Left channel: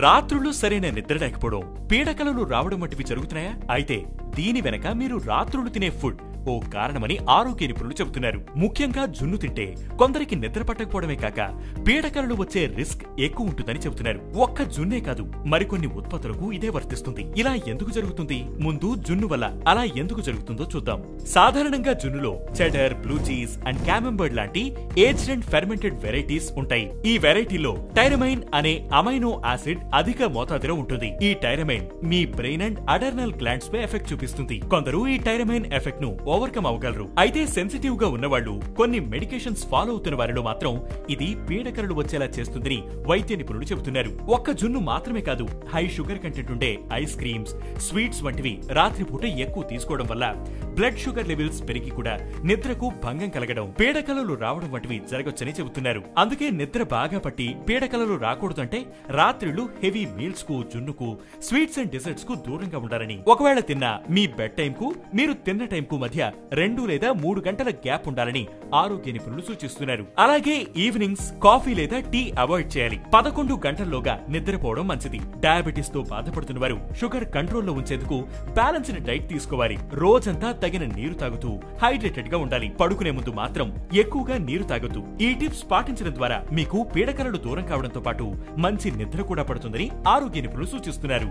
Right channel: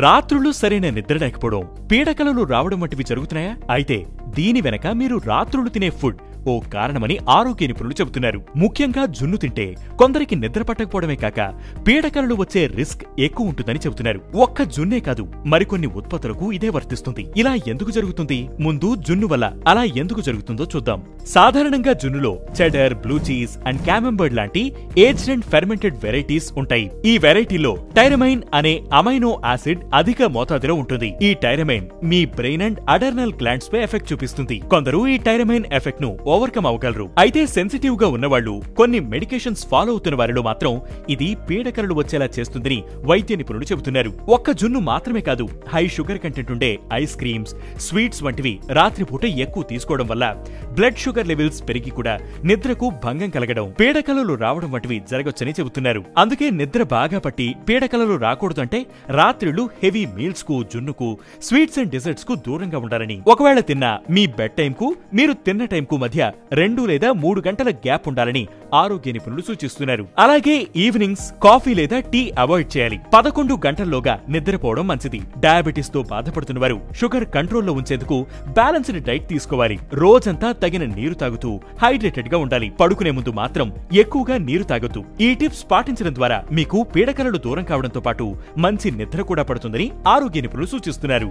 రాత్రులు సరైన నిద్ర లేకపోవడం, పీడకలలు రావడం వంటివి జరుగుతున్నాయా? అయితే దీని వెనక మీరు రాత్రులు తినే ఫుడ్ ఓ కారణమని ఆరోగ్య నిపుణులు చెబుతున్నారు. ముఖ్యంగా జున్ను తింటే కొందరికి నిద్ర పట్టకపోవడమే కాక పీడకలలు వచ్చే రిస్క్ ఎక్కువ ఉంటుందని చెబుతున్నారు. ఒక్క జున్నే కాదు, మరికొన్ని ఉత్పత్తులకు ఇదే వర్తిస్తుంది. ఇలా ఎందుకు జరుగుతుంది? ముందు జున్ను వల్ల అలా ఎందుకు జరుగుతుందో చూద్దాం. సాధారణంగా జున్నులో చెడర్, బ్లూ చీజ్ అండ్ క్యామెంబర్డ్ లాంటి ఏజ్డ్ అండ్ ఫెర్మెంటెడ్ వెరైటీస్ ఉంటాయి. ఈ వెరైటీలో టైరమైన్ అనే అమైనో యాసిడ్ అధిక మోతాదులో ఉంటుంది. ఈ టైరమైన్ మీ బ్రెయిన్ అండ్ అడర్నల్ గ్లాండ్స్ పై ఎఫెక్ట్ చూపిస్తుంది. కొందరు ఈ టైరమైన్ ఎఫెక్ట్ ను ఓవర్కమ్ అవ్వగలరు. అయితే సెన్సిటివ్ గా ఉన్నవాళ్లు, కొన్ని మెడికేషన్స్ ఫాలో అవుతున్న వారిలో మాత్రం ఇది పీడకలలు వచ్చేలా చేస్తుందని వైద్య నిపుణులు చెబుతున్నారు. ఒక్క జున్ను మాత్రమే కాదు, హై షుగర్ కంటెంట్ ఉండే ఐస్ క్రీమ్స్, స్వీట్స్ వంటివి రాత్రిపూట ఎక్కువ తీసుకోవడం వల్ల బ్లడ్ షుగర్ లెవెల్స్ పెరిగి కూడా నిద్రకు భంగం కలగడం, పీడకలలు రావడం వంటివి జరగొచ్చని చెబుతున్నారు. అందుకే నిద్ర బాగా పట్టి పీడకలలు రాకూడదంటే రాత్రులు హెవీ మీల్స్ కు, జున్నుకు, స్వీట్స్ అండ్ డెజర్ట్స్ కు దూరంగా ఉండాలని. ఒకవేళ తిన్నా మీ బెడ్ టైం కు మీరు తిన్న టైం కు మధ్య 2 లేదా 3 గంటల గ్యాప్ ఉండాలని ఆరోగ్య నిపుణులు సూచిస్తున్నారు. అలాగే ఈవినింగ్స్ కాఫీ లేదా టీ అవాయిడ్ చేయాలి. 11 గంటల్లోగా నిద్రపోవడం మంచిది. డయాబెటీస్ తో బాధపడుతున్న వారు షుగర్ కంట్రోల్లో ఉంచేందుకు బ్యాలెన్స్డ్ డైట్ తీసుకోవాలి. రోజంతా తగిన నీరు తాగుతూ హైడ్రేటెడ్ గా ఉండాలి. పడుకునే ముందు మాత్రం ఎక్కువగా నీరు తాగొద్దు. ఈ టిప్స్ పాటించడం ద్వారా మీకు పీడకలలు దూరం కావడంతో పాటు మంచి నిద్ర కూడా పడుతుందని ఆరోగ్య నిపుణులు సూచిస్తున్నారు.